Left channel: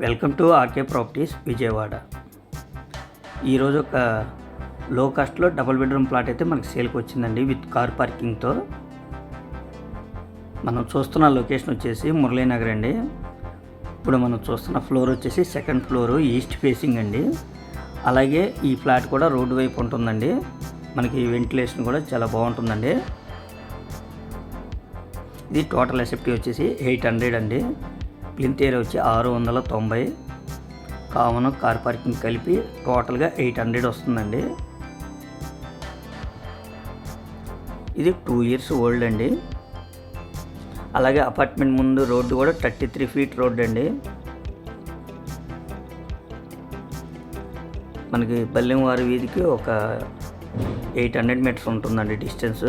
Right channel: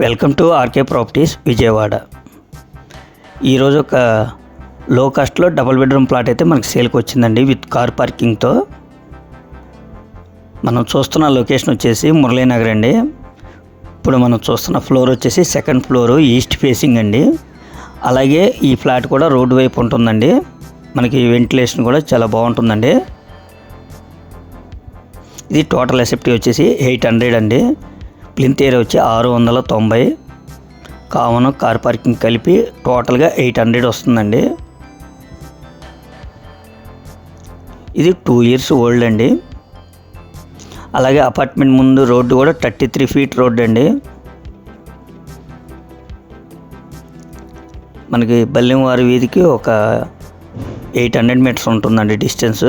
Welcome to RK properties Vijayawada. ఈరోజు ఒక లో కాస్ట్లో డబుల్ బెడ్రూమ్ ప్లాట్ అయితే మనకి సేల్కి వచ్చిందండి విత్ కార్ పార్కింగ్తో మనం చూస్తున్న లొకేషన్ వచ్చేసి మురళీనగర్ అండి. ఇప్పుడు మనం చూస్తున్న ఫ్లోర్ వచ్చేసి సెకండ్ ఫ్లోర్ ఈస్ట్ ఫేసింగ్ అండి. అలాగే ఈ ఫ్లాట్ కూడా రోడ్డు వైపు ఉంటుందండి. మనకి వెంటిలేషన్ కూడా చాలా బాగుంటుందండి. ఇది టోటల్ ఎసెప్టీ వచ్చేసి ఎయిట్ హండ్రెడ్ అండి. ప్లింత్ ఏరియా వచ్చి ఆరు వందల తొంభై. కావున కార్ పార్కింగ్ కలిపి టోటల్గా ఎయిట్ హండ్రెడ్ వస్తుందండి. ఇది టూ ఇయర్స్ ఓల్డ్ అండి. అలాగే అపార్ట్మెంట్ ముందు రోడ్డు కూడా థర్టీ త్రీ ఫీట్ రోడ్ అండి. మనకి బల్లెంవారి వీధికి ఒక ఎయిట్ హండ్రెడ్ మీటర్స్ ఉంటుందండి డిస్టెన్స్.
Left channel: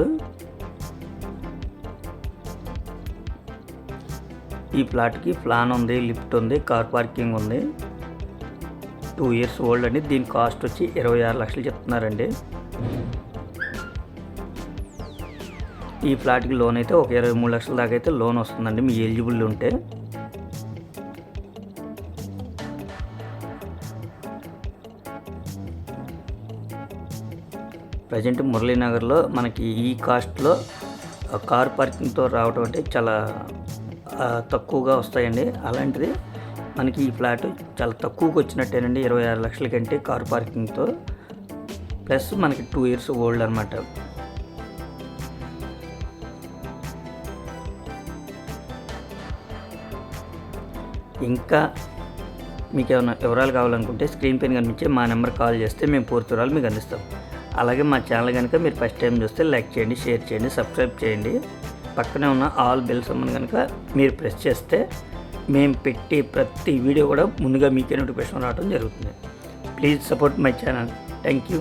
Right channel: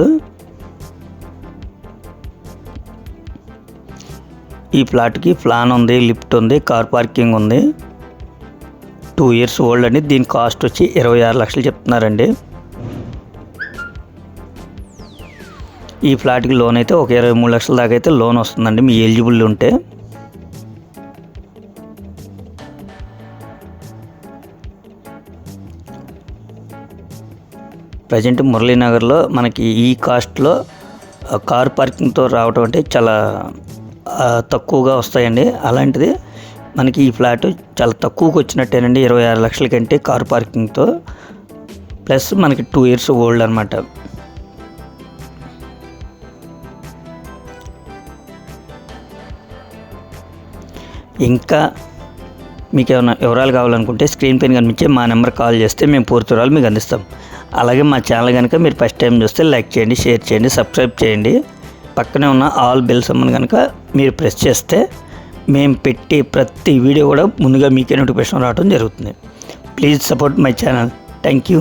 ఈ ప్లాట్కి ప్లాన్ ఉంది లిఫ్ట్ ఉంది కార్ పార్కింగ్ ఉంది. టూ ఇయర్స్ ఓల్డ్ అండి. దీని కాస్ట్ వచ్చి ఇరవై ఆరు లక్షలు చెప్తున్నారండి. ఈ ఫ్లాట్కి లోన్ అయితే ఒక ఇరవై మూడు లక్షల దాకా అయితే లోన్ వస్తుందండి. మీ ఎలిజిబుల్ ఉంటే. ప్రజెంట్ మురళీనగర్లో మనకి ఈ కాస్ట్లో కార్ పార్కింగ్తో రావటం అంటే చాలా తక్కువగా వస్తాయండి. అలాంటిది మనకి ఈ ఫ్లాట్ చాలా తక్కువకి వచ్చినట్టేనండి. ఇరవై ఆరు లక్షల కంటే కార్ పార్కింగ్తో. ప్లస్ మనకి టూ ఇయర్స్ ఓల్డ్ అనమాట ఇంకా మీకు ఏమైనా వివరాలు కావాలనుకుంటే స్క్రీన్ పైన కనిపించే మా నెంబర్ కాల్ చేస్తే మేము పూర్తి వివరాలు మీకు అందిస్తాం. అలాగే మా ఛానల్ కనుక మీరు ఫస్ట్ టైం చూస్తే లైక్ చేయండి షేర్ చేయండి సబ్స్క్రైబ్ చేయండి. పక్కనే ఉన్న ఆల్ బెల్ సమ్మన్ కనుక మీరు ప్రెస్ చేస్తే మేము పెట్టే ప్రతి వీడియో కూడా ముందుగా మీకే నోటిఫికేషన్ రావడం జరుగుతుంది. Please support my channel thank you